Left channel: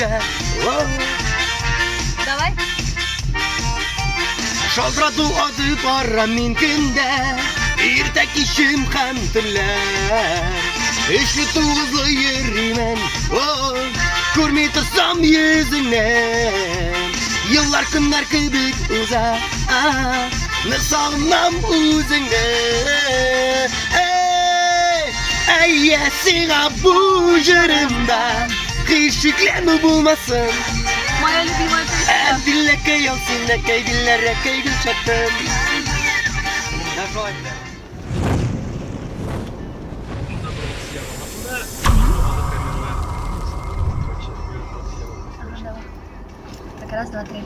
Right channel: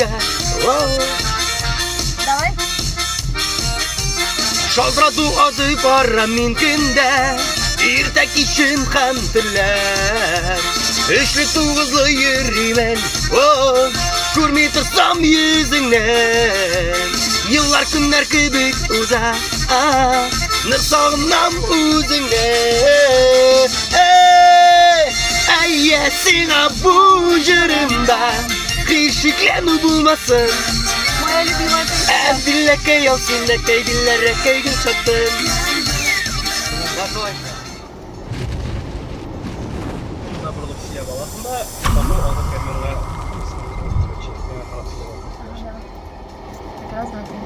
күзгә. Давай. Шалтырату аты бара мин көндә, иртә кичем һәм төнләр. Эшле тугызлы йөрримен, күрми торсам йөзеңнән. Еллар көннәр кебек уза, нык сагынам үзеңне. Әйе, сиңа бу җырымда һичшикләнү булмасын. Моя любимая песня. Әзбиләкәй ялсынләкәй дилләрәкәй гүл чаттым. Раз, два, три.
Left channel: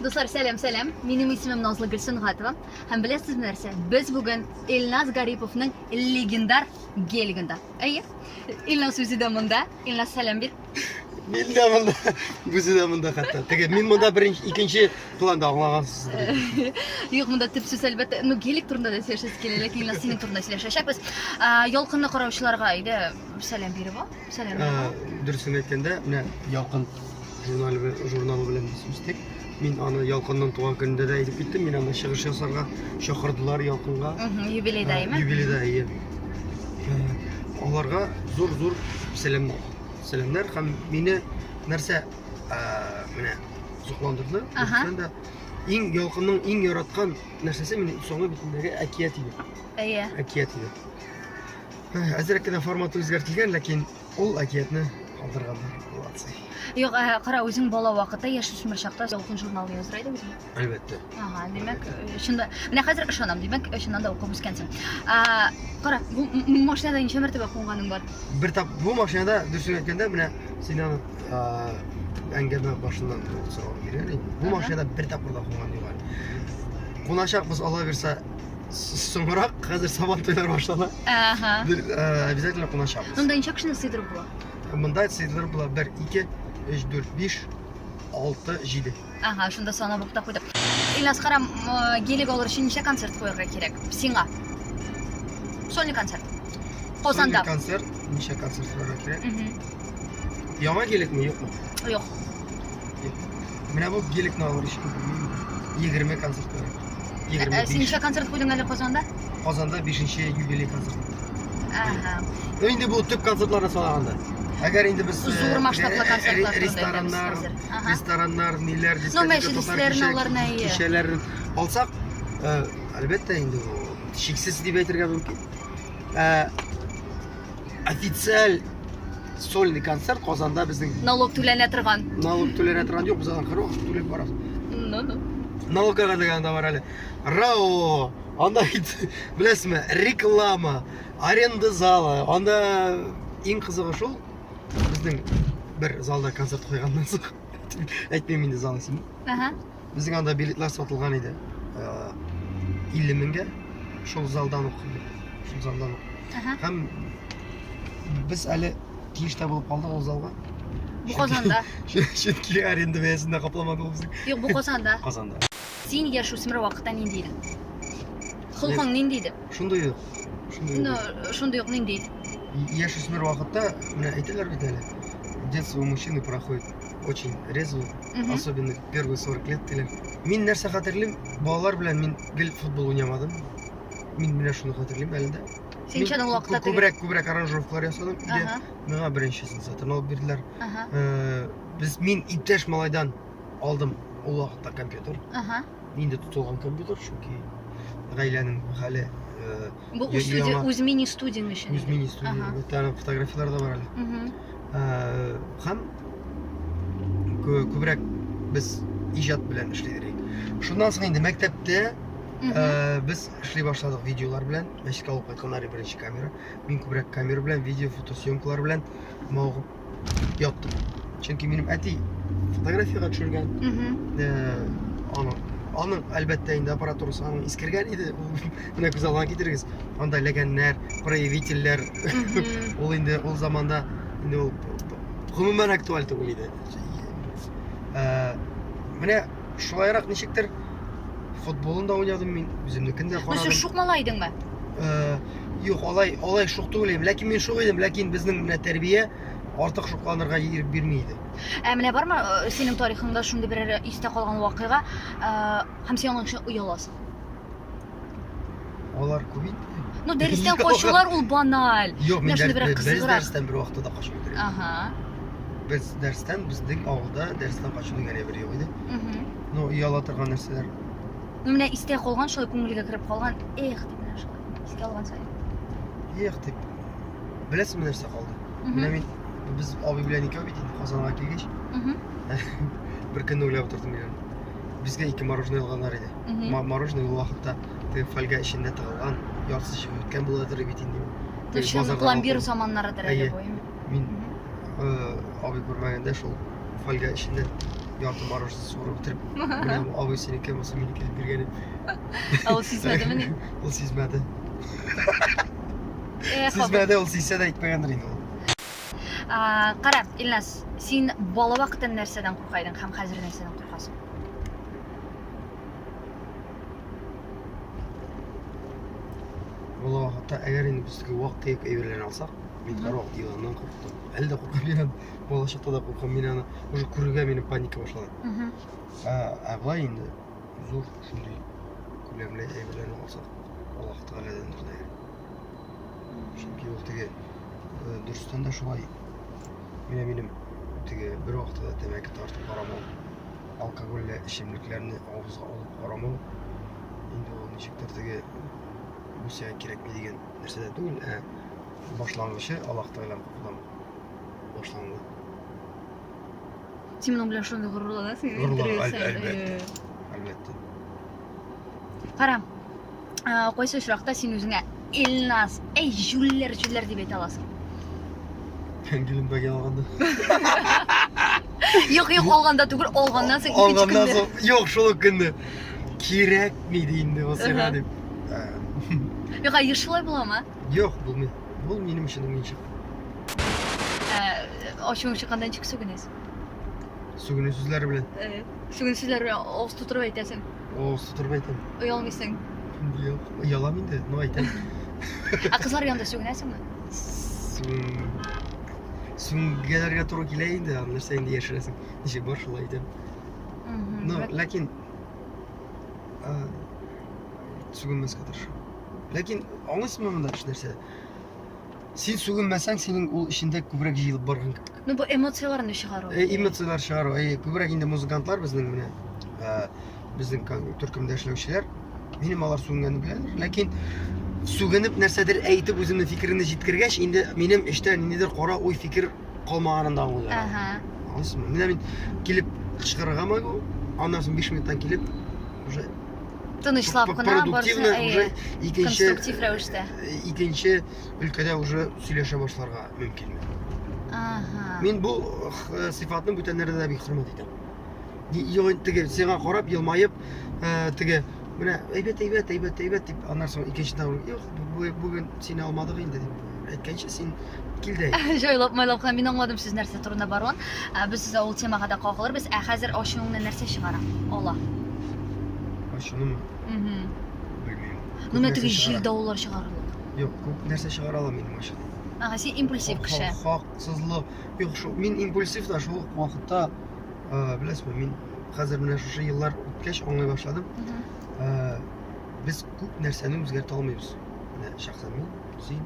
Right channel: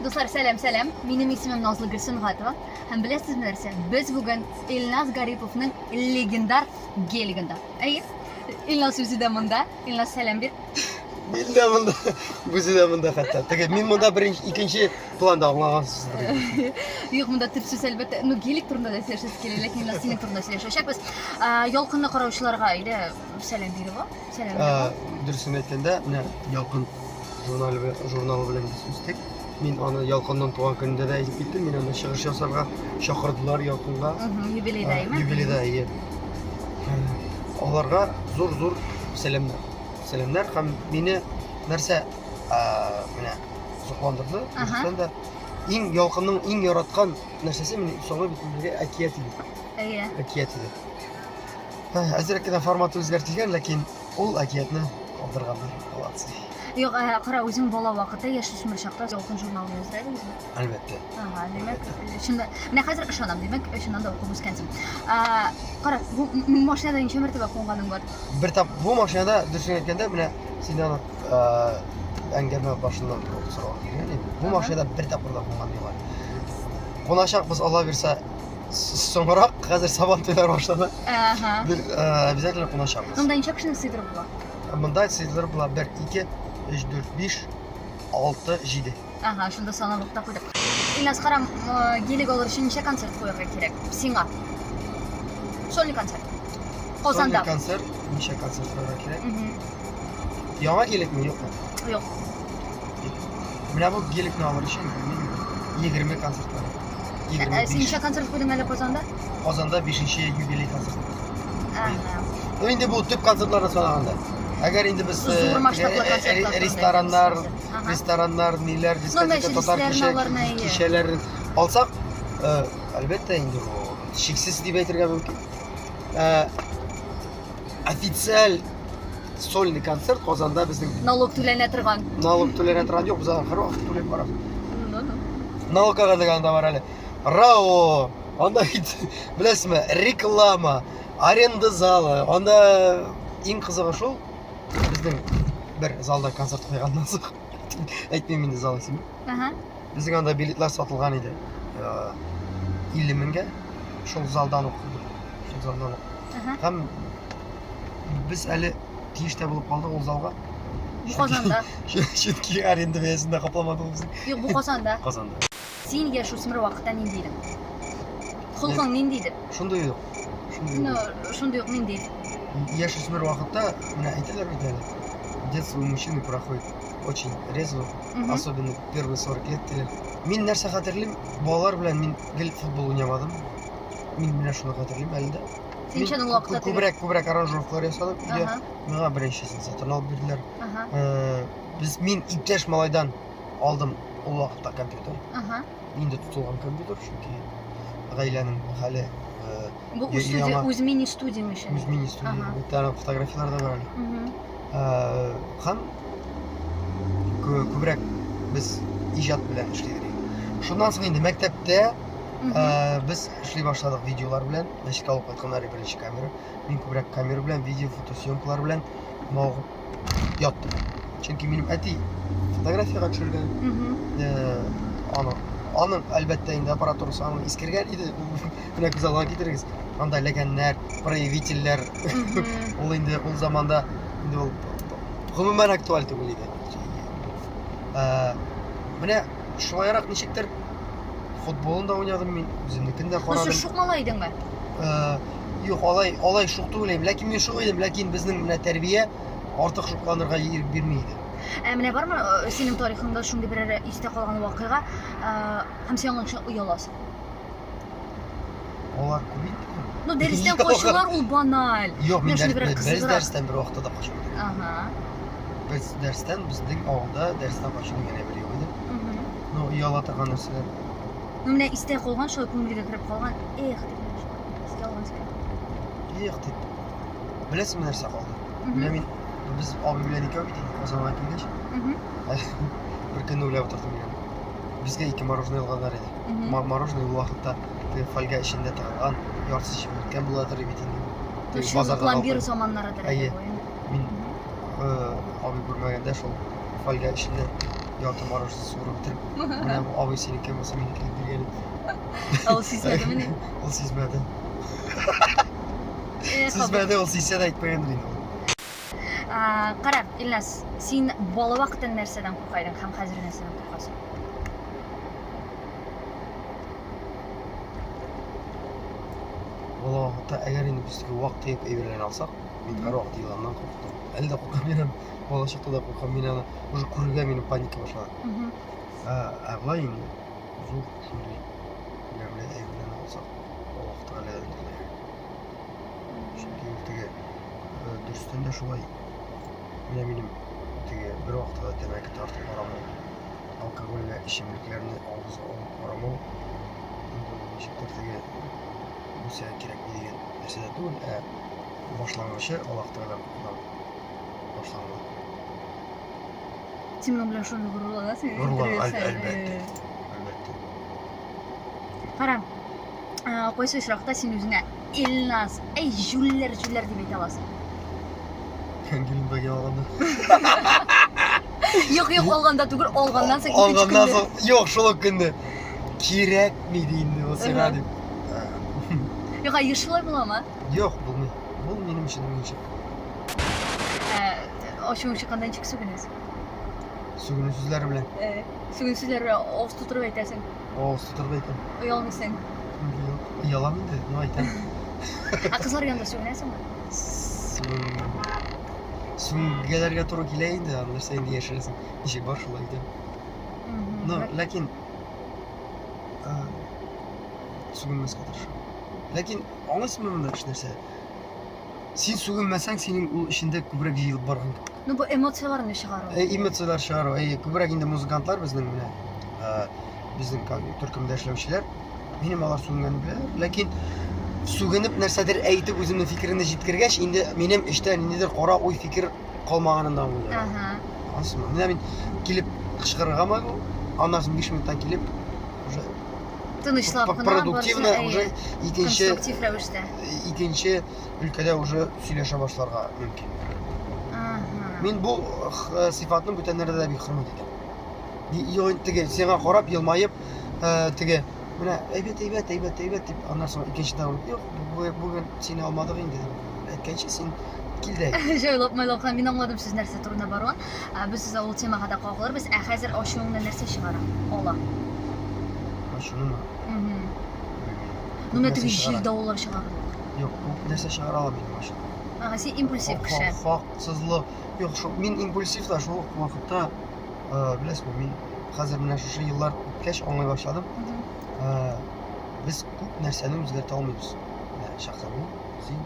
Достар, сәлем. Минем исемем Назлы Гөлсен Гатова. Һәм беләсезме нәрсә? Без бүген Илназ Гариповның легендар гелигендә. Әйе. Илназ үзе дә монда. Илназ, сәлем бир. Мин дә монда, бүзе дә монда хәтта. Теге мин монда беренче, икенче планда аңлагансыздыр. Юк, монда төп сүз әлбәттә, гелик турында да сөйләшәбез килә, ләкин Илназ синең турында сөйләшәчәкбез. Ялкынны караучыларга әйдә сәлем биреп ал. Сәлем. Дөресен әйткәндә, менә Ялкын журналы белән үстек. Мин аны Ялкынның туган көнендә дә әйтеп киттем. Мин аны чыгыш ясарга чакырдылар Ялкынга. Юбилейда, әйме? Юбилейда, әйе. Аларга зур сәламнар. Сәламнар һәм мине нәрсә менә зукландырды. Үзен дә Ялкынның иң яраткан нәрсәсе мине соңгы битендәге әкият иде. Әйе. Әкият иде. Әзрәк кенә форматы үзгәртелгән, ләкин ул әкиятне калдырганды. Молодцы. Юк, кара, үзең бала вакытта яшь-үсмер чакта Ялкын журналын языр идеңезме? Әлбәттә. Димәк, шунда, менә хәзер ышанам, димәк, шуннан да укып үскәнсең. Кара, бу машинада ничә мәртәбә кунганың бар? Бер тап бу машинада дөресен әйткәндә, менә син аны әңгәмә башыннан сорау биргән идем. Бу машинада бер тапкыр да кунган юк әле. Куначакбыз, Алла бирсә, соңрак, хәзер сабан туйлар башлады. Обязательно куначакбыз. Монда ничә кешене сыйдырып була? Монда сыйдырып була 1, 2, 3, 4, 5, 6, 7. Шунда санап ук та куйдык. Илназ, кара, гелик алыр өчен ничә концерт куярга кирәк? Сиңа. Сольный концерт. Казанда. Сольный концерт, ничә концерт куярга кирәк? Яңа гелекме, юкмы? Юк. Менә бу гелекне алыр өчен 20 концерт бар. 25. Син ничә концерт куйдың әле Казанда? Казанда 5-нче юбилей концерт. Инде бу төп концертларга санаганда. Әгәр инде без рестораннар, ниләр, дискотека, татар кичәләрен алсак, әлбәттә инде бу шиксез дип әйтергә мөмкин. Официаль сольный концерт Казанда безнең налог түләнә торган. Налог түләнә торган юк, без ахыр вакыт түләп барабыз. Налогка дигәндә бар әле. РАО, анда беләсезме, реклама, аренда залы, анда иң кызыгы шул. Безнең бер залда концерт куйганнан соң әйтмим инде зал исемен. Безнең анда билетлар сатылган иде. 50 меңгә. Шул залдан ук. Һәм без әле тиештә булып калдык ул залга. Бу Казанда. Чөнки аренда бәясендә капламадык без. Юк, бу Казанда. Казанда. Син яшь-үсмер вакытта нинди идең? Холкың нинди иде? Шундый юк. Шундый юк нинди иде? Яшь-үсмер вакытта, менә әйтәләр бит әле. Детство у мужчины проходит очень резво, особенно первые 40 лет диләр. Мин нәрсә хәтерлим, балалар белән мин гел футбол уйнамадым. Мин менә шуны хәтерлим әле дә. Син ничә вакытта күбрәк аранжировкалар ясадым. Миңа беренчесен сатып алып бирделәр. Мин иптәш малайдан алдым ул вакытта компьютер. Инде тотылган компьютер, чөнки гаиләнең хәле. Бу үз мини-студияң өчен. Үз мини-студия. Бу фотографиялар да бар әле. Һәм күбрәк без иҗат белән эшлидек. Шуннан соң инде мәктәптә без эшли башладык видеолар белән. Мәчеткә алып кайтканнар беренче камера. Мин күбрәк камера белән, видео, фотосъемкалар белән мавыгып яттым. Чөнки минем әти фотографиягә төшергән. Аның әлбәттә инде аппаратурасы аның искергән иде. Менә күз алдына китерегез. Анда ләгәннәр, проявительләр. Ул инде ул заманда инде ул гомумән актуаль түгел иде. Менә шулайрак ничектер футболын да уйнадым мин, үземнекен дә карадым. Сез шук малай идеңме? Юк, алай шук түгел, ләкин мин шук идем, ләкин безнең менә тәрбия артык шукланырга ирек бирмейди. Менә бармы синең тарихыңда шундый бер истә калган вакыйга, һәм син аның өчен ояласың? Алар күп инде. Ну, дәрестән качулар ул баналь. Юк, мин Менә шундый бер без кызыграк. дәрестән бер вакытта да качып йөрдек. Ага. Без дәрестән безнең авылда дәрестән качу дигән бер юк иде. Ну, ояла торган нәрсәләр. Ну, менә истә калган, шулай күңелгә кирип калган. Эх, дип шулай. Искә алган сәй. Эх дип. Беләсеңме нәрсә калды? Менә мин без абый белән икәү бит инде Казанга килгәч. Бер көнне уйлап тордым мин. Безгә 2 мороженое алганнар иде. Мороженое ул вакытта фольга эчендә тыгылган, яртысы чыгып беткән буладыр бит инде. Шул пломбир заманнарыдыр әле бу. Мин абый күрмәгәндә шул фольга эчендә ярты мороженое суырып бетереп, менә бу абый синеке булса минеке биргән иде. Ул сизмәдеме ни? Ул сизмәде. Сизмәде, ул сизсә дә әйтмәгәндер инде. Кара, Илназ, син бала вакытта нәрсәдән куркайдың һәм хәзер нәрсәдән куркасың? Бала вакытта әгәр инде безгә вакыт юк әйберләрне алсак, мин һәрвакыт еланнан курктым. Әле дә куркам мин, бала чакта да куркам мин аны, уже күрергә минем паника башлады. Агай инде зур шундый күләмле әйберләрне алсак, Аллаһ Тәгаләдән диләр. Чөнки ул теге дөрестән дә шулай. Минем теге бер вакытта тәмәке тартып барамын. Алкоголь эчемлекләрне авызга алып барамын. Инде ул ничектер теге үсә кирәк дигән нәрсәдә түгел, башлангычы Аллаһ Тәгаләдән башланган. Син моның белән шундый горурланасың? Әлбәттә. Кара, кайсы очракта син үзеңә Илназ, эй җүлләр дип әйтә аласың? Гелен бәгә алганда. Юк, алганда түгел, алганнан соң Алганнан соң, юк, шул көнне кирәкми инде ул сиңа дип. Юк, шулай буламы? Юк, булмый. Бул минем өчен уенчык. Ачуың чыкканда ничек сүгенәсең? Сүгенү сүзләре белән. Сүгенү сүзләре авыз тутырып әйтәсең. Авыз тутырып әйтәм. Оялмыйсың. Юк, оялам инде, ну әйтәм. Кызлар янында сүгенәсеңме? Сүгенергә туры килә инде, нәрсә инде яшерәсең. Ничек бар шулай әйтәм. Но, ләкин сүгенмәскә тырышам. Ләкин аңлыйсыңмы монда нәрсә? Син сүгенмәсәң, синең ул эчендә күбрәк җыелып барган. Ну, бу эмоцияларны чыгару. Эмоциялар чыгару. Күбрәк инде музыкантлар безнең менә безнең төркемдә эшләүчеләр, минем алар сүгенгәнне беләләр. Ләкин сүгенеп нәрсәдер әйтеп үземнең фикерне җиткергәч, инде минем эштә ниндидер кара уй фикер калмаганын да аңлыйм. Аңлыйсыңмы? Менә мин килеп кычкырыргамы, аннан соң 5 минуттан килеп уже тынычлап кына продуктивно уже конструктив рәвештә. Икенче өлкәдә уже сөйләшә башларга мөмкин. Мин бу сыйфатны бүтәннәрдә дә бик хөрмәт итәм. Юк, теге сиңа карап елмаеп, теге менә әйбәт дип, аннан соң икенчедә юк, бүген сине алмадык инде дип әйткәнче син кил дә. Җайлап мин аңладым сүз нәрсә турында барган. Без ул темага да кагылырбыз. Хәзер ачуыңны нәрсә чыгара? Ала. Ачуңнымы? Белмим. Ну, менә теге җил давыллар чыгарлык. Юк, күп нәрсә чыгара алам мин машина. Син импульсив кеше. Хаксызлык. Юк, мин импульсив да шул вакытта, беләсезме, мин хәзер менә шушы еллар үткәч аңлый башладым. Без күп нәрсәне үзгәртә алмыйбыз. Шәхсән мин, син.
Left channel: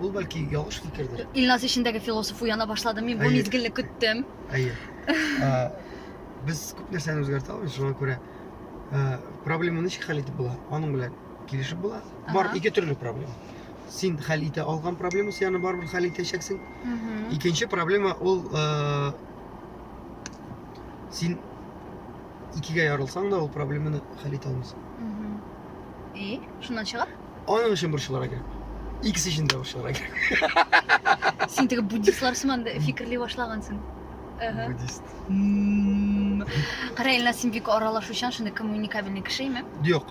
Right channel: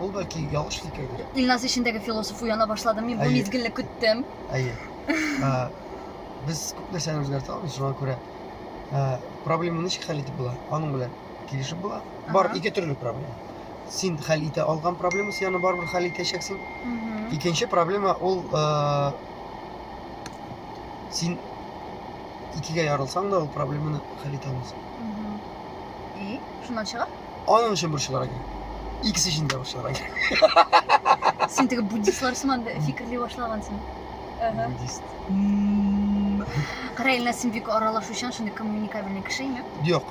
Ул бәлки ялгыш фикердер. Илназ ишендәге философ уяна башлады. Мин бу мизгелне көттем. Без күп нәрсәне үзгәртә алмыйбыз, шуңа күрә проблеманы ничек хәл итеп була? Аның белән килешеп була. Бар ике төрле проблема. Син хәл итә алган проблема, син аны барыбер хәл итәчәксең. Икенче проблема ул син икегә ярылсаң да ул проблеманы хәл итә алмыйсың. Шуннан чыга? Аның өчен борчылырга кирәк. Икесе өчен дә борчылырга кирәк. Син теге буддистлар сыман фикерли башлагансың. Буддист. Кара, Илназ, син бик аралашучан, шундый коммуникабельный кешеме? Юк.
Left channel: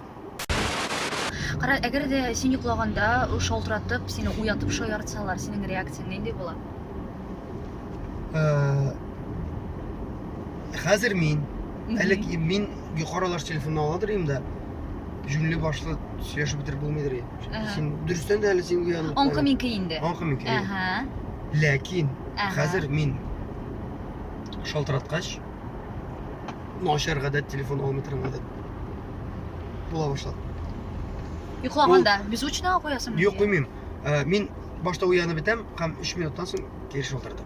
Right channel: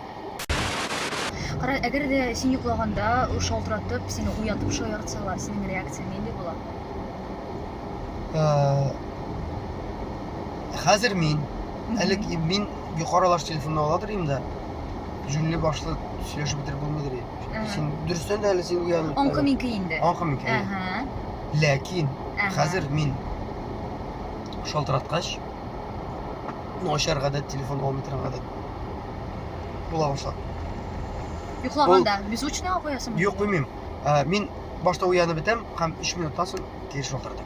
Кара, әгәр дә син йоклаганда шалтыратып, сине уятып шаяртсалар, синең реакцияң нинди була? Хәзер мин, мин юқарылаш телефонны аладыр инде. Жүнле башлы сөйләшеп бетереп булмыйдыр. Син дөрестән дә әле син уянып. Аңкы минке инде. Аңкы минке. Ләкин Ага. хәзер мин шалтыраткач начар гадәт телефон алмый торган гадәт була башлады. Йоклаганда беззвучно куясың? Юк, куймыйм. Мин башта уянып бетәм һәм 3 минуттан соң кире шалтыратам.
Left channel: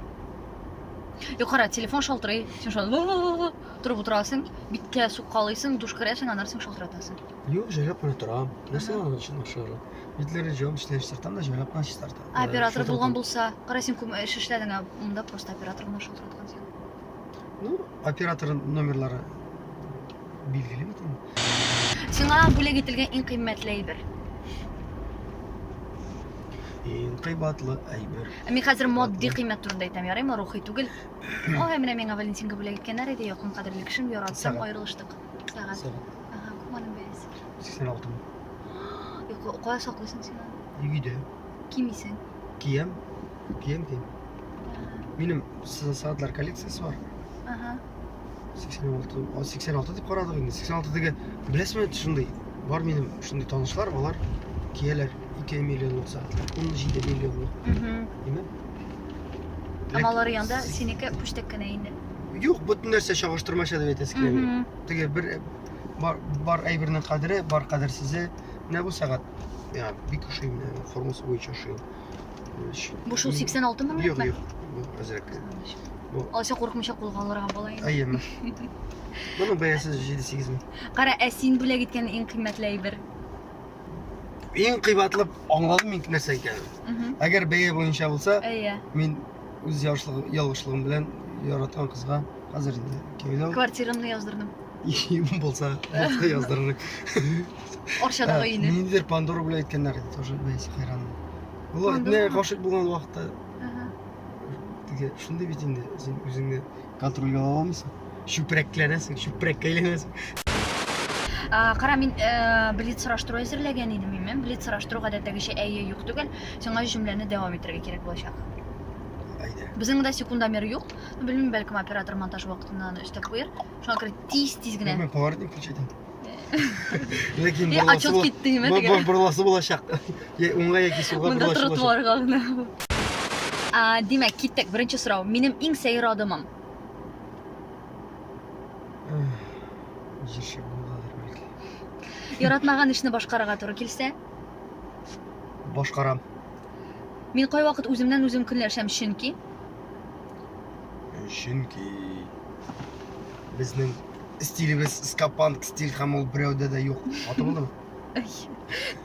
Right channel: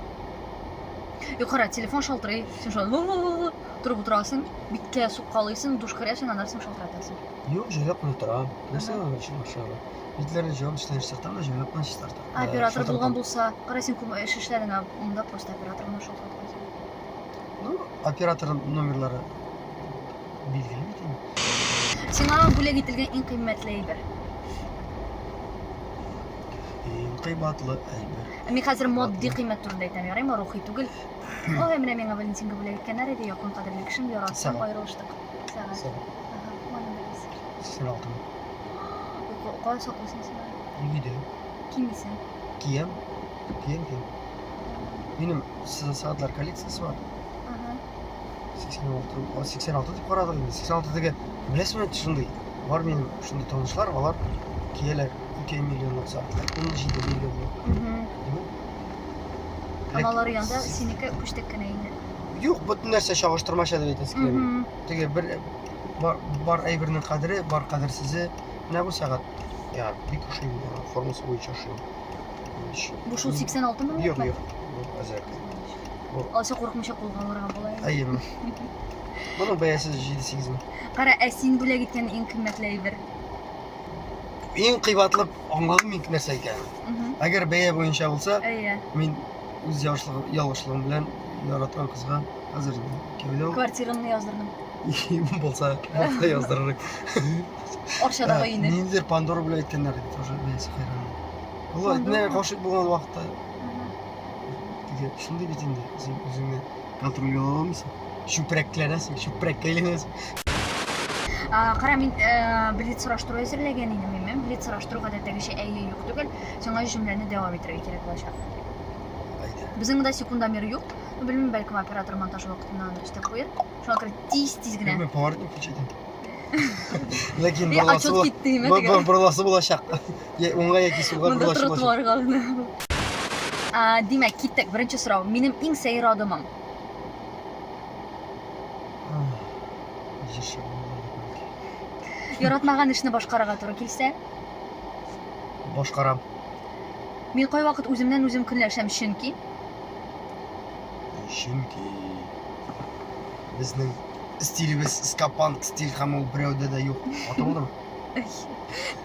Юк, кара, телефон шалтырый. Сен шул торып утырасың, биткә суккалыйсың, душ керәсең, аннан соң шалтыратасың. Юк, җайлап кына торам. Нәрсә ул өчен ашыгы? Битләрне җавап эшләп чистартам да җайлап кына чистартам. Оператор булган булса, кара син күп эш эшләдең, монда просто оператор гына шалтыраткансың. Ну, оператор номерлары билгеле бит инде. Сиңа бүләк ителгән иң кыйммәтле әйбер. Иң кыйбатлы әйбер. Мин хәзер модди кыйммәт турында әйтәм, ярыймы, рухи түгел. Ой, менә миңа Валентинга бүләк иткәннәр иде, якын кадерле кешем, яраттым, Сәгать. аерылыштык. Сәгать. Ага, моның бәясе. 86 мең. Юк, кая саклыйсың син? Үйдә. Кимисең? Киям. Минем сәгатьләр коллекциясе бар. Ага. 86 дип карадык инде. 86-дагы беләсезме шундый? Бар минем шундый танышлар, алар кияләр 2 миллионлык сәгатьләр. 17 миллионлык. Димәк. Амалары янда синеке пүштәк кенә инде. Юк, бөтен нәрсә чагыштырмаша дип әйтәсе килә. Теге бер бар әйбернең кадере, бар кадерсезе. Менә бу сәгать. Я бик ошый формасы буенча ошый. Бу шул 86 мең Юк, мең? юк. Бу азрак. Бу Алса куркмыйча кулганларга була инде. әйеме. Буның бәясе 7-8 мең. Кара, син бүләк иткән иң кыйммәтле әйбер. Иң кыйбатлы аңладым мин нәрсә икәнен. Әгәр бәя буенча булса, Әйе. мин үз ялгышлыгым белән яраткан кызга хәзер инде кәүдә Квартирамны яздырдым. булса яздырырык. Арчадагы өйне. Ниндидер Пандора белән әйткәннәр иде, тоже бәясе хайран. Алла, Пандора? менә гашык булган вакытта теге шундый бит инде, син үзеңне контрольгә ала алмыйсың. Чүпрәкләнәсең, чүпрәккә әйләнәсең. Кара, мин билет сораштыру әзерләгән идем, мен. Билет сораштыру гадәттәгечә әйе юк түгел. Сиңа җөмләне дәвам итәргә кирәк булачак. Айда. Безнең дә секундомер юк. Белмим, бәлкем оператор монтаж вакытыннан эштә куер. Шуңа күрә тиз генә. Мен поворотник включитим. Ләкин Отчет китте, ниме теге? Бурласы булачак. Уңга яки сулга Монда бурлашы булачак. тротуарга гына. Димәк, киттек. Беренче сорау. Минем иң сәер адымым. Җирше булды бәлки. Яратмаган эшне башкарырга туры килсә, Башкарам. мин кайвакыт үземнән үзем көнләшәм, чөнки Безнең стилебез скапанк стиль һәм ул берәүдә дә юк. Аты булдымы?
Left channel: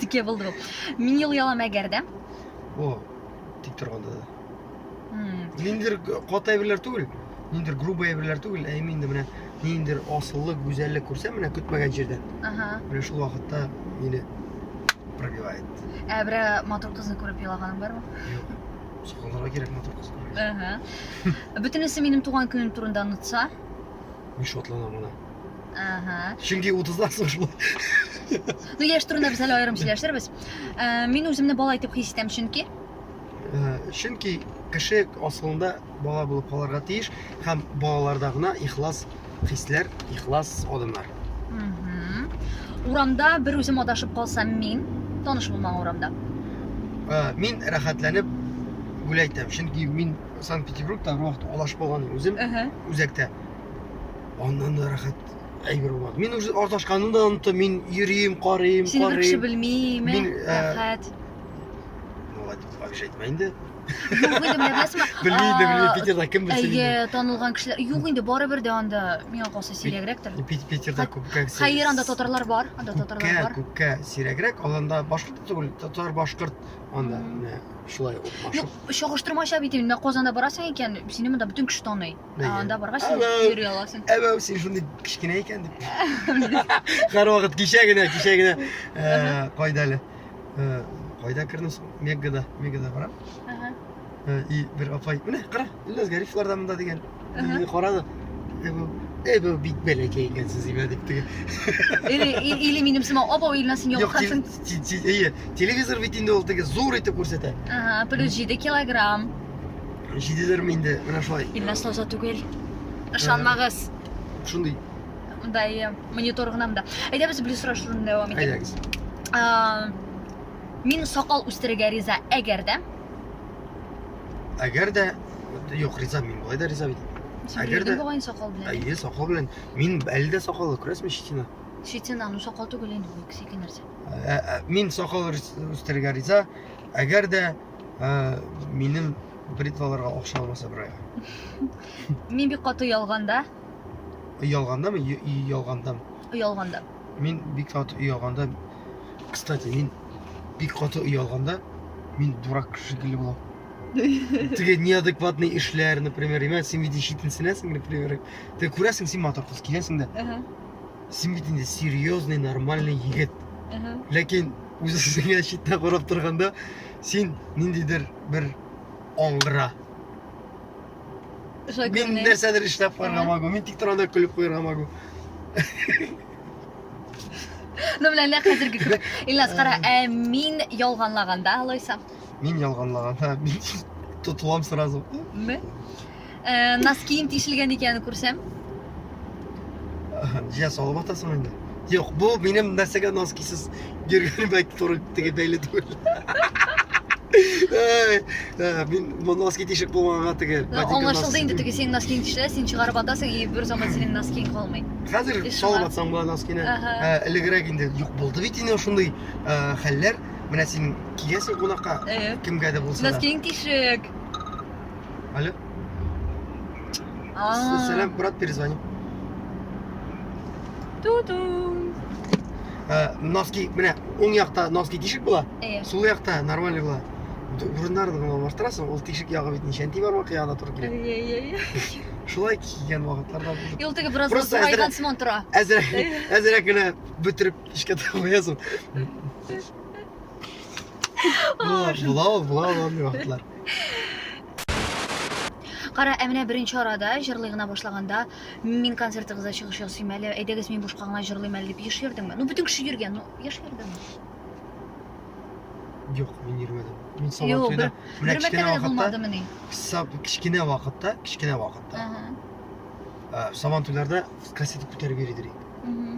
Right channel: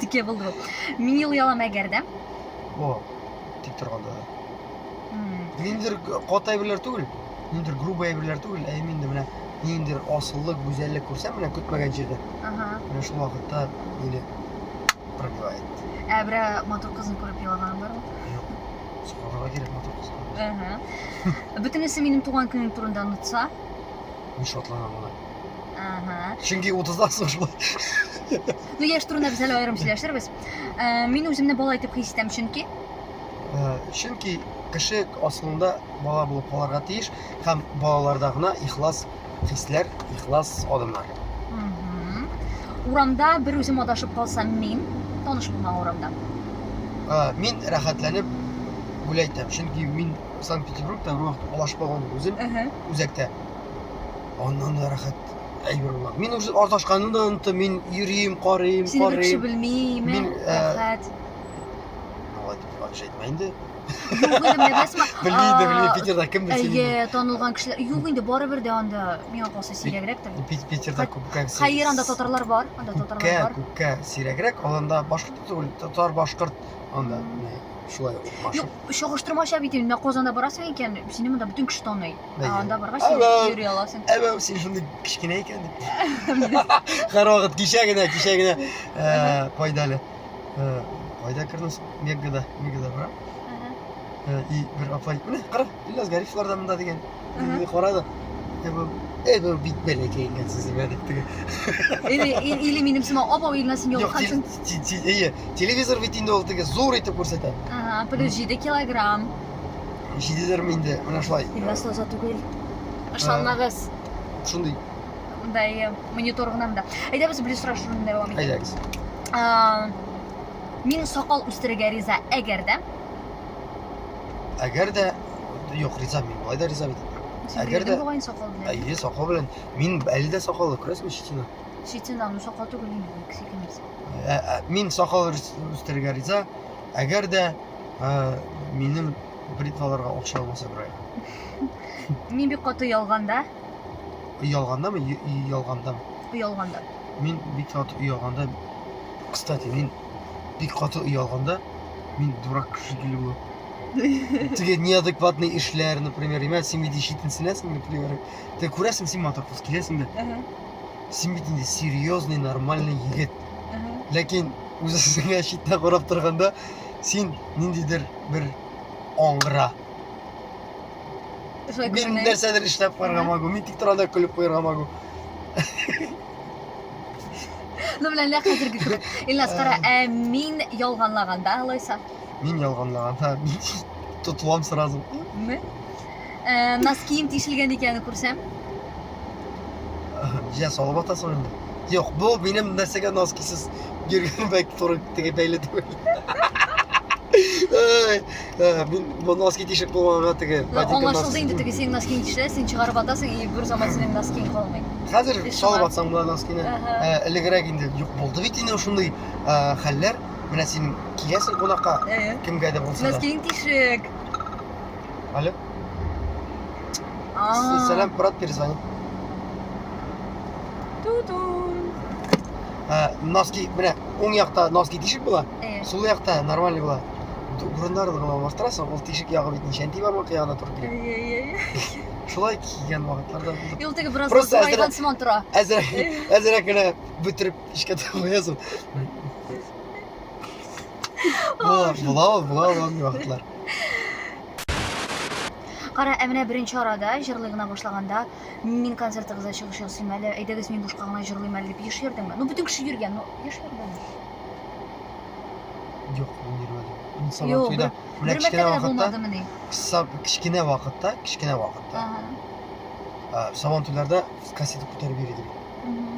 тике булды бу. Мин ел ялам әгәрдә. О, тик торганда да. Ниндидер каты әйберләр түгел, ниндидер груб әйберләр түгел, ә инде менә ниндидер асыллык, гүзәллек күрсәм, менә көтмәгән җирдә. Ага. Менә шул вакытта мине пробивает. Бере матур кызны күреп елаганым бармы? Сукаларга кирәк мотор кыз. Ага. Бөтенесе минем туган көнем турында онытса. Мин шатланам моны. Ага. Чөнки 30-дан соң шулай. Ну, яшь турында без әле аерым сөйләшербез. Мин үземне бала итеп хис итәм, чөнки Чөнки кеше асылында бала булып калырга тиеш һәм балаларда гына ихлас хисләр, ихлас адымнар. Урамда бер үзем адашып калсам, мин таныш булмаган урамда. Мин рәхәтләнеп гүләйтәм, чөнки мин Санкт-Петербургта бер вакыт алашып калган үзем үзәктә. Аннан да рәхәт әйбер була. Мин үзе арташканны да оныттым, мин йөрим, карыйм, Сине бер кеше белмиме? Мин, Рәхәт. Молодец, әйтмә инде. Юк инде, менә беләсеңме? Белми, Питерда кем белсен инде. Әйе, танылган кешеләр. Юк инде, барыбер дә анда миңа калса сирәгрәктер. Питерда күпкә. Хәер, анда татарлар бар, Күпкә сирәгрәк, аланда башкорт түгел, татар башкорт анда шулай башкорт. Юк, чагыштырмача бит инде, Казанда барасың икән, сине монда бүтән кеше таный. Анда баргач йөри аласың. Әбәү, син шундый кичкенә икән дип. Һәрвакыт кичә генә кайда әле? Кайда кердем? Мегада барам. И бер апай, менә кара, Ильяс Гарифлар да монда дигән. Мине карады. Әбәү бик бәләкәй икәнсез дип теге. Или минем сиңа апа Ильяс син ялгансың. Әйе, телевизор бит инде ул теге зур итеп күрсәтә. Плюс 7 килограмм. 7 инде, менә шулай. Ильяс Лоза түгел. Ышанмагыз. Шундый. Да, монитор гына монда. Әйдәбез билет сораштыруны дәвам итәбез. Әйдәгез. Мин сакал үстерергә риза әгәр дә Әгәр дә юк, риза мин, болай да риза бит. Әгәр дә Бугай сакал белән. сакал белән мин әле дә сакалы, күрәсезме читина. Шитен аны сакал түгел инде бу кисе нәрсә. Мин сакал үстерергә риза. Әгәр дә минем бритваларга акча алмаса бер ай. Мин бик каты ялганда, Ялгандамы? Ялгандамы? ялганда. Мин бик каты ялганда. Кстати, мин бик каты ялганда мин дурак шикелле булам. Теге неадекватный эшләр, например, син бит ишетенсенәсең, например. Ты күрәсең, син матур кыз киләсең дә. Син бит инде серьезный, нормальный егет. Ләкин үзеңә читтә карап торганда, син ниндидер бер аңгыра. Мин нәрсәдер эшләп куярга магу, мин тик торганда көлеп куярга магу. Ну белән лә хәзерге кебек. Илназ кара, мин ялганлаганда алайса. Мин ялганлаганда мин тотылам сразу. Ме? Носкиим тишелгән икәнен күрсәм. Жия салып атасың инде. Юк, бу минем нәрсәгә носкисыз йөргән бәк туры теге бәйле түгел. Мин бу носки тишеп булганга теге. Аңлашылды инде теге син носкиң тишелә, син чыгарып атасың, и бер заман синең носкиң калмый. Хәзер салып атсаң була носкины. Элегрәк инде юк булды бит инде шундый хәлләр. Менә син киләсең кунакка, кемгә дә булса да. Носкиң тишек. Алло. Сәлам, брат, перезвони. Ту-ту. Носки, менә уң якта носки тишек була. Сул якта нормальный була. Урындарын гына алмаштырасың, ул тишек ягы бит ничәнти бар вакыйгада туры килә. Шулай кигән вакытларда булды. Юл теге бераз Просто зурайган сыман тора. Әзрәк генә бөтереп ишкә куясың. Була вакытлар. Кара, менә беренче арада җырлый гына башлаганда, мин концертыгызга чыгыш ясыйм әле, әйдәгез мин бушка гына җырлыйм әле дип еш йөрдеңме? Ну бөтен кеше йөргән, ну еш йөрдеңме? Юк, мин йөрмәдем. Мин сабан туйда, менә кичкенә вакытта, сабан туйларда кассета күтәреп йөридер.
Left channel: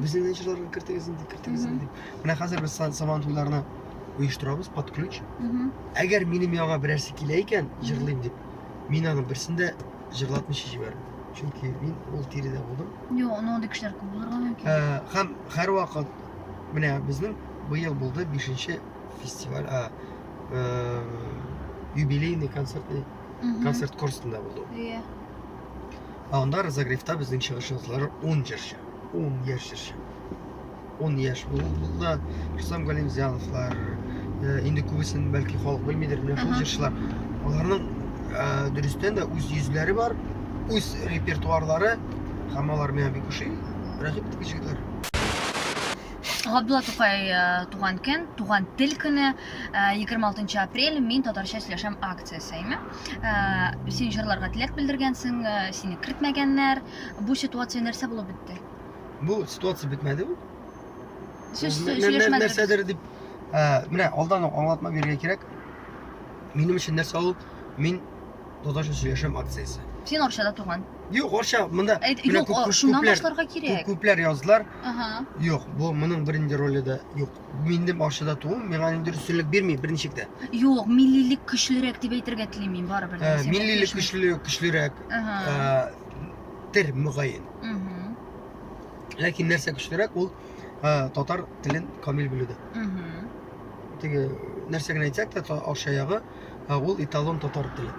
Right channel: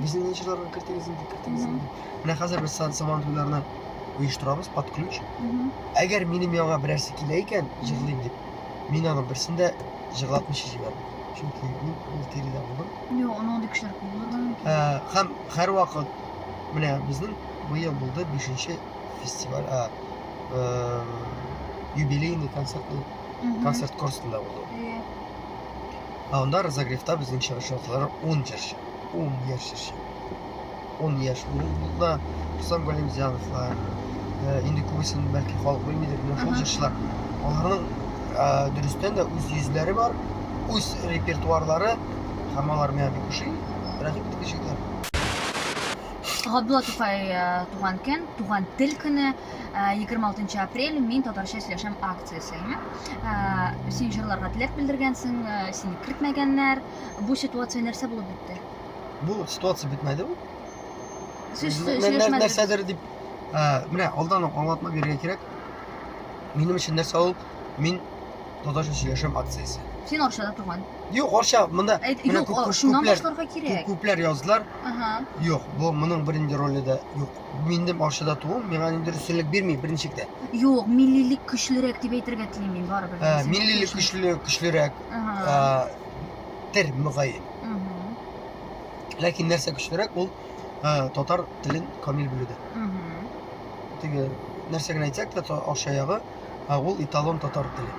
Безнең җырларга кертегез инде. Менә хәзер без сабан туйларына уйыштырабыз под ключ. Әгәр минем яга берәрсе килә икән, җырлыйм дип, мин аны берсендә җырлатмыйча җибәрдем. Чөнки мин ул тиридә булдым. Юк, аны кешеләр күп булырга мөмкин. Һәм һәрвакыт менә безнең бу ел булды 5нче фестиваль, юбилейный концерт курсында булды. Анда разогревта безнең чыгышчылар 10 яшь. 10 яшь. 10 яшь булды. Рустам Галимзяновлар, инде күбесен бәлки халык белмидер, менә шул җырчылар. Аларның дөрестән дә үз йөзләре бар, үз репертуарлары, һәм алар миңа бик ошый. Рәхим итегез җегетләр. Габдулла Тукай туган көн, туган тел көне 26 апрель мин татарча сөйләшәм акциясе, әйме? Син җырларга теләк белдергәнсең, сине кертмәгәннәр. Бу ситуация нәрсә булып бетте? Бу ситуация бетмәде бу. Сөйләшмәдегез. Нәрсәдер дип, менә алдан ук аңлатма бирергә кирәк. Минем өчен нәрсә ул? Мин татарча сөйләшәм акциясе. Син Арчада туган. Юк, Арча, монда менә шуннан башларга кирәк. Күпләр яздылар. Юк, бу моның беренче роле дә юк. Минем Арчада тугым, миңа нинди өстенлек бирми берничек тә. Юк, миллилек көчлерәк дип әйтергә телим мин барыбер. Миллилек көчлерәк. Тер мөгаен. Ләкин нәрсә көчлерәк ул татар телен камил белүдә. Теге нәрсә генә әйтсәк тә Арча ягы ул эталон татар теле.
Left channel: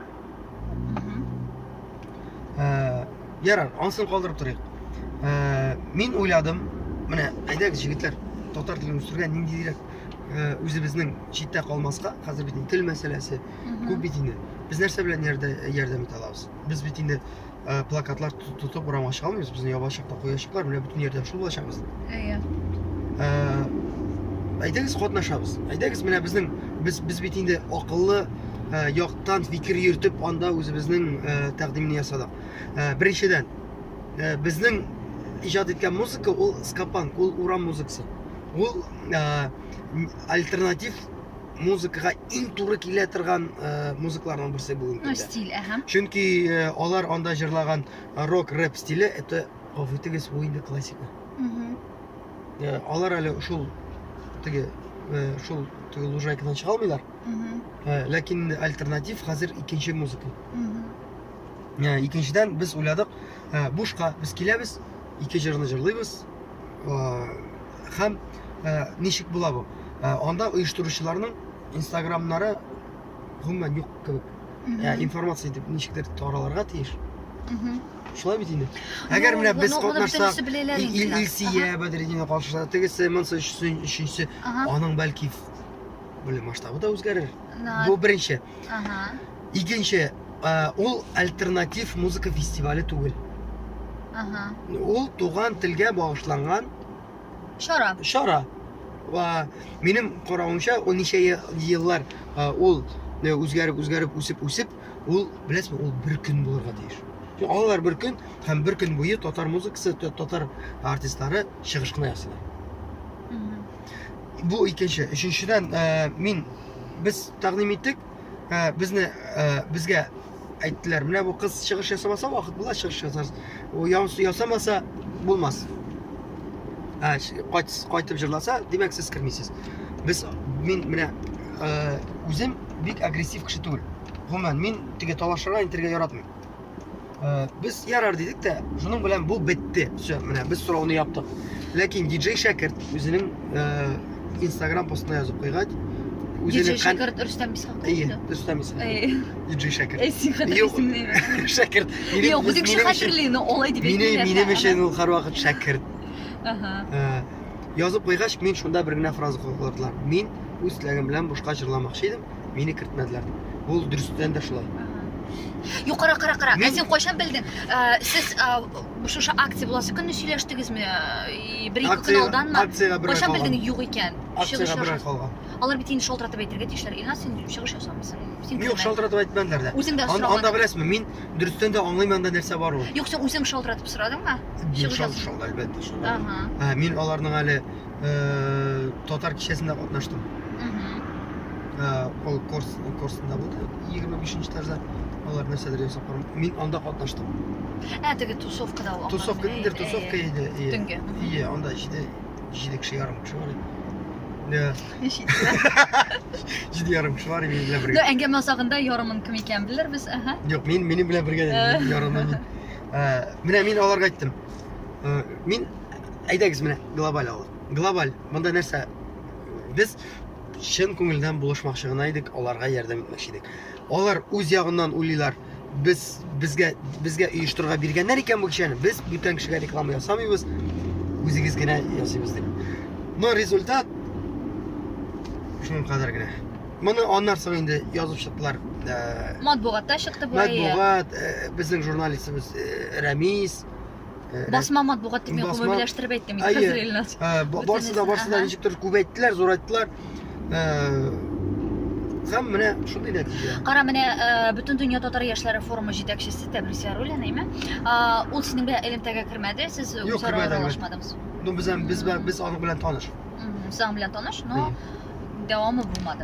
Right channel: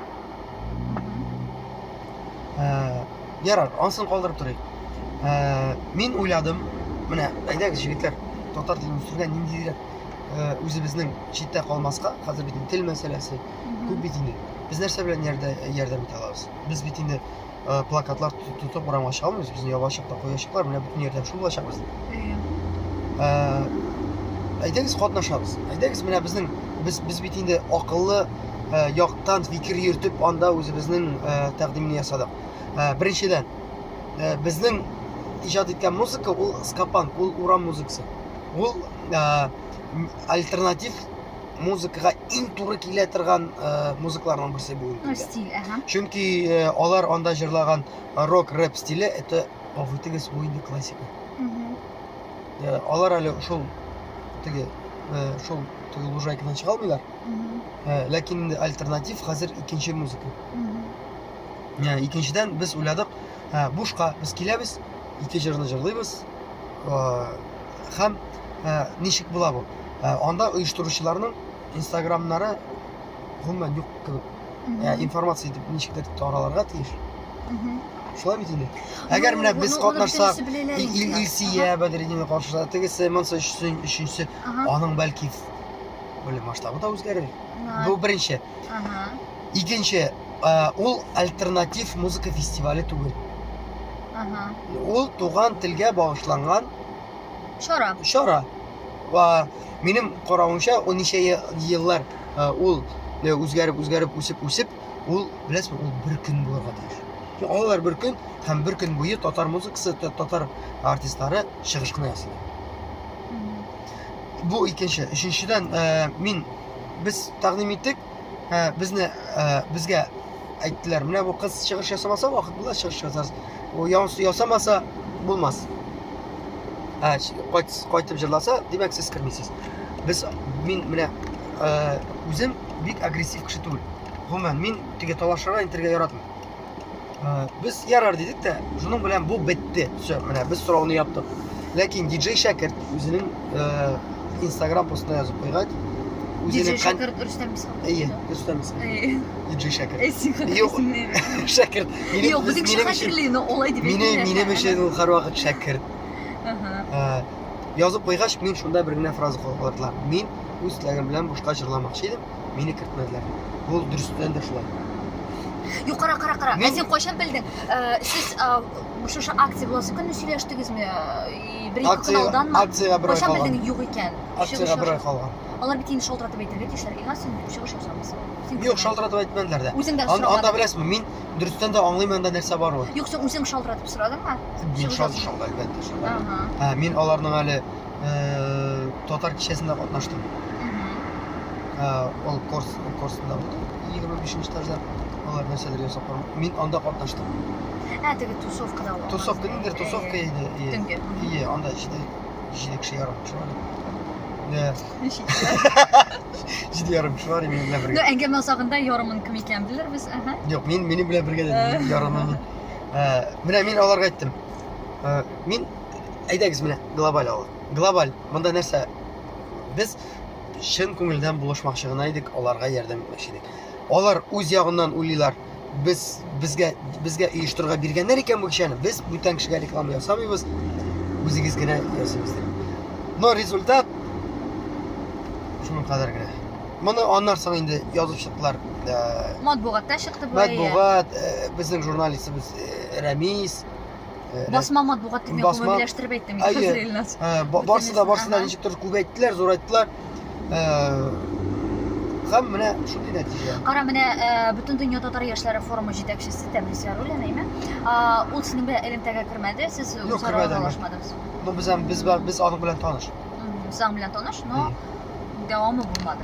Ярар, ансын калдырып торыйк. Мин уйладым, менә әйдәгез җегетләр, татар телен үстергә ниндидер үзебезнең читтә калмаска, хәзер бит тел мәсьәләсе күп бит инде. Без нәрсә белән ярдәм итә алабыз? Без бит инде плакатлар тутып урамга чыгамыз, безне ябачакта куячаклар, менә бөтен ярдәм шул булачак без. Әйдәгез катнашабыз. Әйдәгез менә безнең без бит инде акыллы яктан фикер йөртеп анда үзебезнең тәкъдимне ясадык. Беренчедән, безнең иҗат иткән музыка ул скапан, ул урам музыкасы. Ул альтернатив музыкага иң туры килә торган музыкаларның берсе бүген. Стиль, Чөнки алар анда җырлаган рок-рэп стиле это авытыгыз инде классика. Алар әле шул теге шул лужайкадан чыга алмыйлар. Ләкин инде альтернатив хәзер икенче музыка. Икенчедән без уйладык, бушка без киләбез, ике җырны җырлыйбыз. Һәм ничек була бу? Анда оештыручыларның инстаграмнары гомумән юк кебек. Информация итеп ничектер таралырга тиеш. Шулай бит инде. Әгәр менә без катнашсак, Илсия Бәдретдинова катнаша, тегесе монсы өченчесе, аның бәлки белем масштабы да үзгәрер. Бу беренче. Икенче, ул альтернатив музыка фестивале түгел. Ул туган телгә багышланган шара. Ва минем каравымча, ул ничә еллар ул үзгәреп үсеп, ул беләсезме, ул бер көн булырга тиеш. Алар бер көн һәм бер көн буе татар музыкасы, татар артистлары чыгыш кына ясый. Бу икенче. Өченчедән, без тәкъдим иттек, безгә әйттеләр, менә бу кыз чыгыш ясамаса, вакыт була чыгыш ясарсыз. Ул ясамаса булмас. Кайтып җырласа, димәк сез кирмисез. Мин менә үзем бик агрессив кеше түгел. Гомумән, мин теге талашырга, интергә яратмыйм. Без ярар дидек тә, шуның белән бу бетте. Всё, менә без сорауны яптык. Ләкин диджей Шәкерт үзенең Instagram постына язып куйган. Диджей Шәкерт Рөстәм Исхаков. Рөстәм Исхаков. Диджей Шәкерт. Юк, Шәкерт. Юк, үзең Шәкертле, но олай дип әйтмәгән. Минем өчен ул һәрвакыт Шәкерт. Язып куйгач, мин шунда бер генә фраза калдырдылар. Мин үз теләгем белән бушка җырламакчы идем, мине кертмәделәр. Ул дөрестән дә шулай. Юк, кара. Сен кайчан белдең? Сез шушы акция буласы көнне сөйләштегезме? Бер-ике көн алданмы? Кайчан белдең юк икән? Акциягә бер ай калган. Алар бит инде шалтыратып әйтергә тиешләр. Илназ, син чыгыш ясамыйсың. Юк, шалтыратып әйтмәделәр дә. Үзең дә Анда беләсезме, мин дөрестән дә аңлыйм анда нәрсә бар ул. Юк, сен үзең шалтыратып сорадыңмы? Шалтыратып, әлбәттә. Мин аларның әле татар кичәсендә катнаштым. Ул курсында булды. 25нче этажда алар нәрсәләр ясап барам. Мин анда катнаштым. Теге тусовкада ул. Тусовка иде. Анда 7 кеше ярым кеше бар. Җиде ярым кеше бар минем белән бергә. Әңгәмә сагында ярымын кем икән белер без, Юк, минем белән бергә ярымын. Менә мин аларга әйттем. Мин әйдәгез менә глобаль алып. Глобаль. Монда нәрсә? Без чын күңелдән булышмакчы гына идек, аларга ярдәм итмәкче идек. Алар үз ягыннан уйлыйлар. Безгә оештырырга биргәннәр икән бу кичәне. Без бүтән кешегә реклама ясамыйбыз. Үзегез генә ясыйбыз дип. Но результат шуның кадәр генә. Моны аннан соң инде язып чыктылар. Матбугатта чыкты бу. Матбугат, безнең журналистыбыз Рамис. Басма матбугат дип мөбиләштереп әйттем хәзер Илназ. Барсы да ничектер күп әйттеләр, зур әйттеләр. Һәм менә шундый нәтиҗә. Кара, менә бөтен дөнья татар яшьләре форумы җитәкчесе Тәбрис Яруллин, әйме? Ул сезнең белән элемтәгә кермәде, сез үзара аралашмадыңыз. Без аның белән таныш. Сез аның белән таныш, но дәвамы булмады.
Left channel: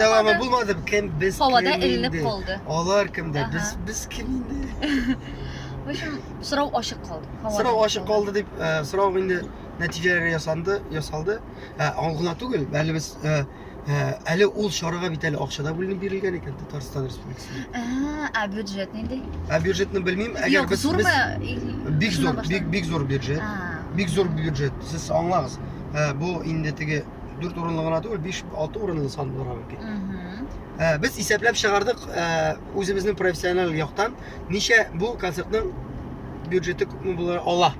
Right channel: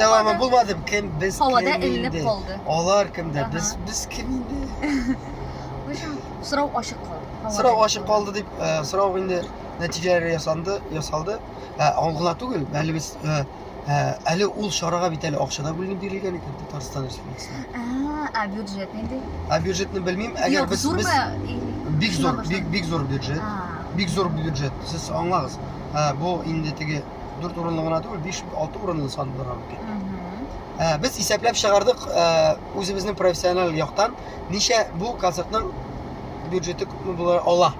Дәвамы булмады. Кем без? Һавада элеп калды. Алар кемдә? Без кем инде? Сорау ачык калды. Сорау ачык калды дип, сорау инде нәтиҗәләре ясалды. Аңгына түгел, әле без әле ул шарага бит әле акчада бүленеп бирелгән икән Татарстан Республикасына. Бюджет нинди? Бюджетны белмим, әгәр без бик зур бюджет. Бик зур бюджет. Сез аңлагыз. Бу инде теге 4 урынлы гына түгел, 5-6 урынлы сан булырга мөмкин. Без исәпләп чыгардык үзебезнең профессиональ яктан, ничә бу концертның бюджеты күпме булыр ала.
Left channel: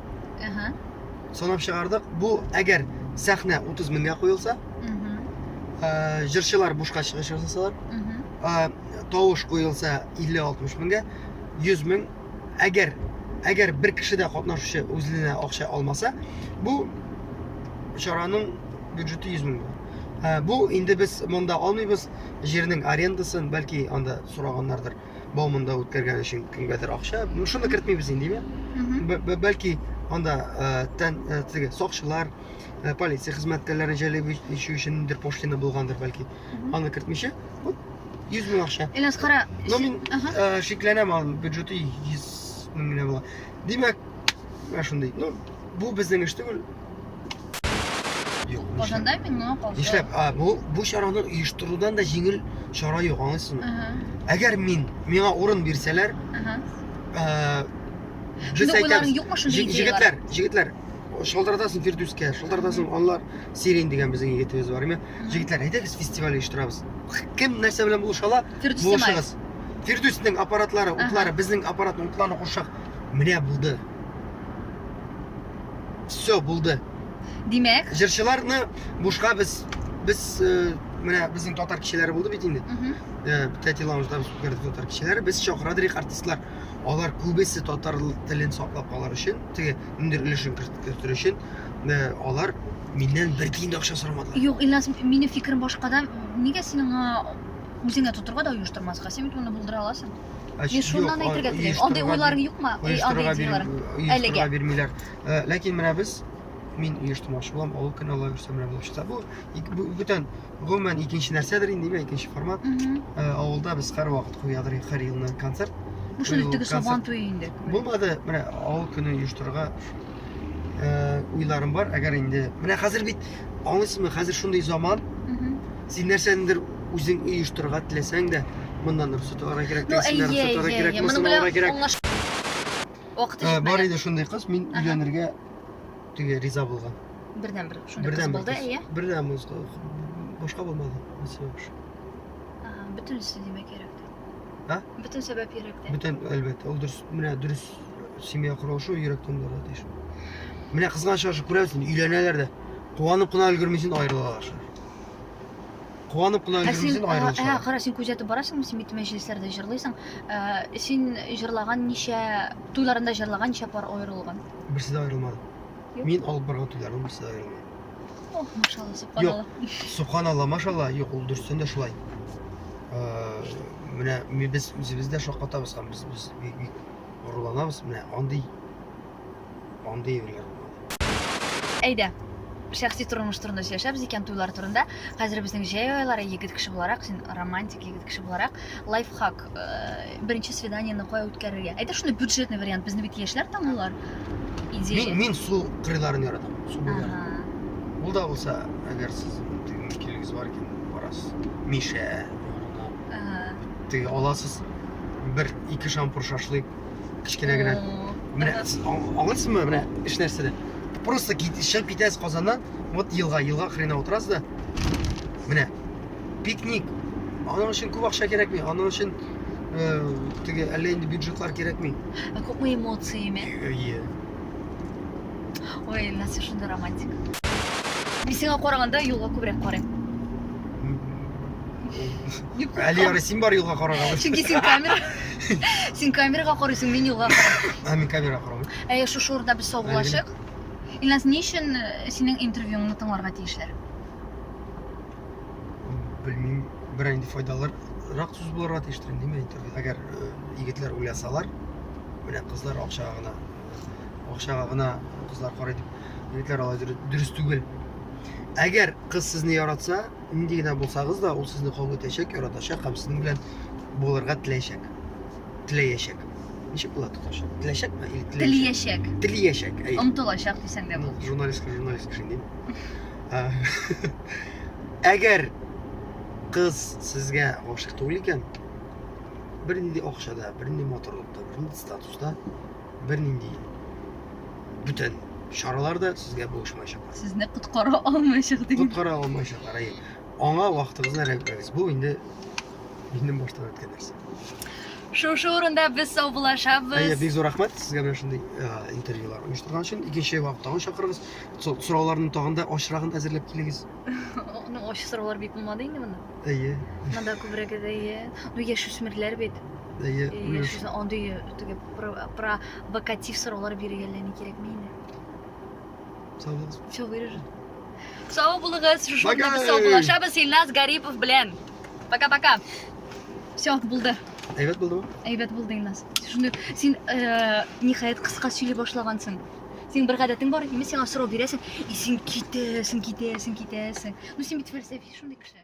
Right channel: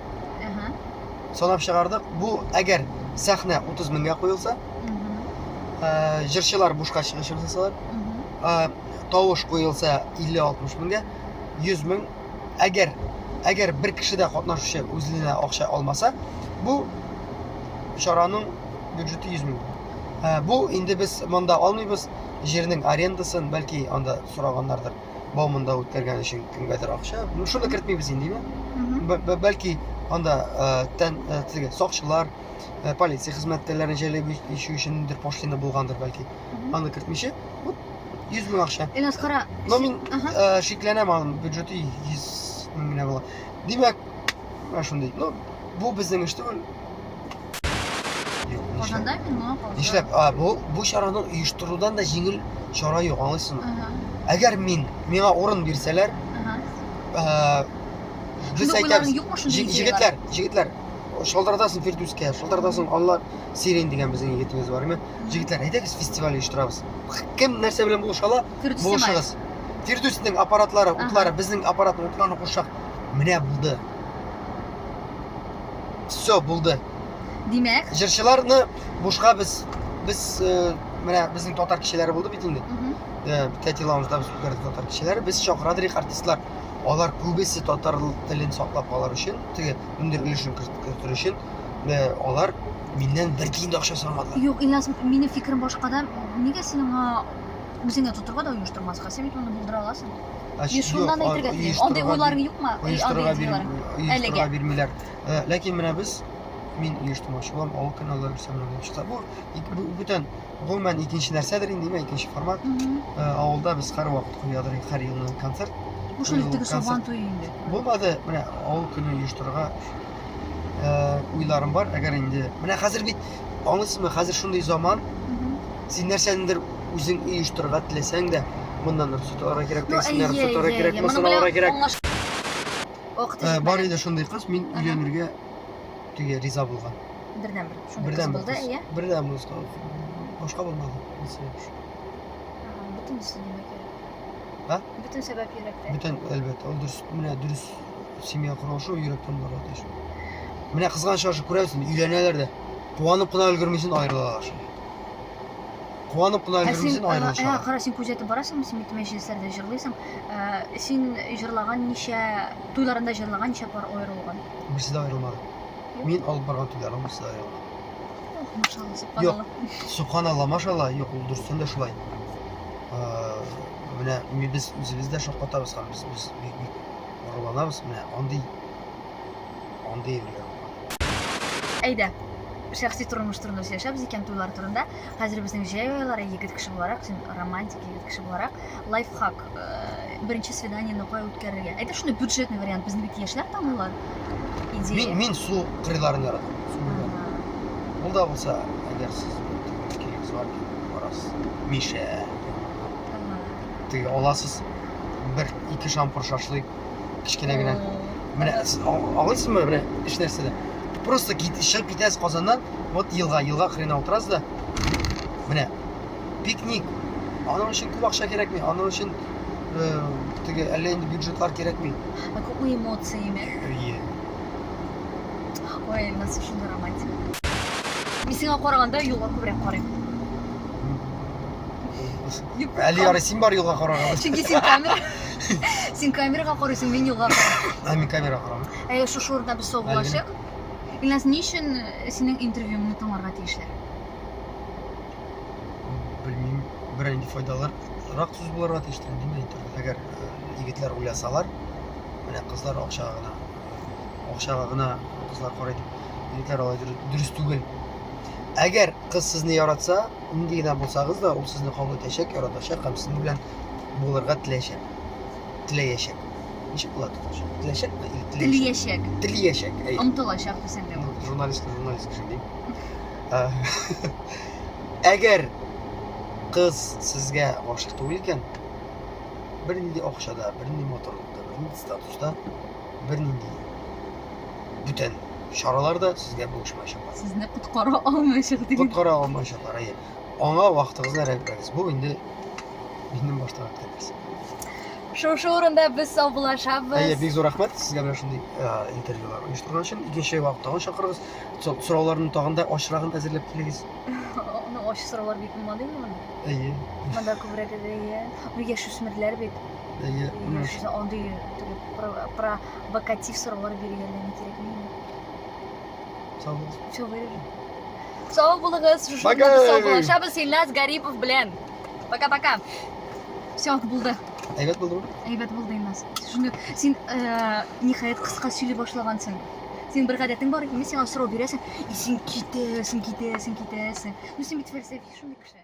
Санап чыгардык. Бу әгәр сәхнә 30 меңгә куелса, җырчылар бушка чыгыш ясасалар, тавыш куелса 50-60 меңгә, 100 мең. Әгәр бер кеше дә катнашучы үзенә акча алмаса, бу шараның бюджеты 100 мең. Бу инде без монда алмыйбыз, җирнең арендасын бәлки анда сораганнардыр. Баумында үткәргән өчен кемгәдер акча. Шуны кертмибез инде. Бәлки анда теге сакчылар, полиция хезмәткәрләрен җәлеп итү өчен дер пошлина булгандыр бәлки. Аны кертмичә, 100 мең акча. Илназ, кара. Но мин шикләнәм, аның бюджеты 100 мең генә була. Димәк, шундый. Ну, бу безнең эш түгел. Юк, Ошондой мен Нишләп? Бу чараны оештырудан да җиңел чара юк, аңлыйсыңмы? Әгәр миңа урын бирсәләр, без әйтәбез. Җегетләр, шалтыратасың Фирдүскә, шалтыратасың Анлар Сирен дигән безнең егетебез бар име? Җегетләр, әйдәгез фестиваль оештырабыз. Кем нәрсә белән булышала? Булышыгыз. Фирдүснең аппаратлары, утлары, безнең аппаратның утларны кушак. Менә булды. Все булды. Димәк, Җырчыларны бушка без менә безнең татар кешеләре булды бит инде. Тәтиламызда без күрдек татар кешеләре, без чакырдык артистлар. Алар күбесе татар телен саклап калыр өчен, теге үндер өлешен кертер өчен, алар миннән бер тиен дә акча сорамадылар. Юк, Илназ, минем фикрим башкада. Нигә синең үзеңә тутырга да оештырмаска? Син бит моны булдыра аласың. Шуннан әйтергә телим. Андай уйларың юкмы? Оештырга бирмиләр. Ләкин менә без мин оештырмакчы булам, авыл каналлары белән булышта. Бу бүтән гомумән икенче нәрсәдер инде, икенче формат. Авылда без һәр вакыт куядыр, һәр елның концерт. Бу шундый теге сабан туе инде. Булмады, менә авыл көне оештырга уйларым бар. Әгәр инде менә хәзер бит аңлыйсызмы, хәзер шундый заман. Син нәрсәдер үзең оештырга теләсәң дә, мондан рөхсәт алырга кирәк, тегесеннән рөхсәт алырга кирәк, моны алырга кирәк. Бар иде шундый кыз, мин өйләнергә теге риза булган. Бердән-бер шундый кыз булды, әйе? Бердән булды. Башка булмады. Бүтән сәбәп кирәк. Бүтән сәбәп кирәк тә. Бүтән әлбәттә, ул дөрес семья курышу йөрәктән бара диш. Менә кызганча күрәсең, өйләнәләр дә куанып кына өлгермисен аерылалар. Куанып кына өлгермисен аерылышалар. Кара, син күзәтеп барасыңмы, син бит мәҗлесләрдә җырлыйсың. Син җырлаган ничә туйларында җырлаган ничә пар аерылган? Берсе дә аерылмады. Мин алып барган туйларым берсе дә аерылмады. Машалла, субханалла. Субханалла, машалла, юк, ул дөрестән дә шулай. Менә без үзебездә шаккатабыз һәм без бик орланабыз. Менә андый әйберләр булмады. Әйдә, шәхси тормыш турында сөйләшәбез икән, туйлар турында. Хәзер безнең җәй айлары, егет кеше буларак, син романтик егет кеше буларак, лайфхак, беренче свиданиене кая үткәрергә. Әйдә шундый бюджетный вариант, безне бит яшьләр таңлылар. Мин су кырыйларын яратам. Су ул да булса, әгәр сез мөмкинлегегез бар икән, барасыз. Миша. Теге аласыз, бер-ике шампур шашлык, кичкенә генә. Менә алыйсызмы, менә эш нәрсәдә. Просто чыгып китәсез Казаннан, вот елга хрена утырасыз да. Менә пикник. Аның өчен күп акча кирәкми, аның өчен теге әллә инде бюджетлар кирәкми. Күп эмоциями. Ой, Илназ, шундый романтик. Мин сиңа караганда юлга күбрәк карыйм. Әле ярый син бар юлга карарга. Чөнки син камерага карыйсың, мин юлга карыйм. Мин камерага карыйм. Шушы урында без саубулашык. Илназ, ни өчен синең интервьюңны тыңларга тиешләр? Белмим, бер инде файдалырак сүз булырга тиештер инде интервью. Әгәр егетләр уйласалар, менә кызлар акчага гына кызлар карый дип, егетләр алай дөрес түгел. Әгәр кыз сезне яратса, нинди генә булсагыз да, ул сезне кабул итәчәк, яратачак һәм сезнең белән булырга теләячәк. Ничек була тотыш? Теләячәкме? Теләячәк. Омтылачак дисәң дә бу. Журналист шундый. Әгәр кыз сезгә гашык түгел икән, бернинди акчада, бернинди моторлыкта, бернинди статуста, бернинди бүтән чараларда сезгә булышмаячаклар. Сезне коткара алмаячак диген. Коткара алмаячаклар, әйе. Аңа вакытыгызны рәтләгез. Бу инде минем баштан үткән нәрсә. Шушы урында без саубулашабыз. Әйе, бик зур рәхмәт сезгә белән шундый интервьюлар оештырган өчен. Икенче вакытта чакырыгыз. Сорауларны тагында ачрагын әзерләп килегез. Аны ачы сораулар бит булмады инде монда. Әйе. Монда күбрәк әйе. Яшүсмерләр бит. Әйе. Андый теге провокатив сораулар биргәнләрне кирәкми инде. Sağ olun. Все вырежем. Сау булыгыз, шушы урында без саубулашабыз Илназ Гарипов белән. Пока-пока. Все, булды. Әйбәт булдымы? Әйбәт булды, Илназ. Шундый, син ниһаять кыска сөйли башлагансың. Син бер гадәтең бар, сиңа сорау бирәсең, и син китәсең. Ну син бит фәлсәфи шундый кеше.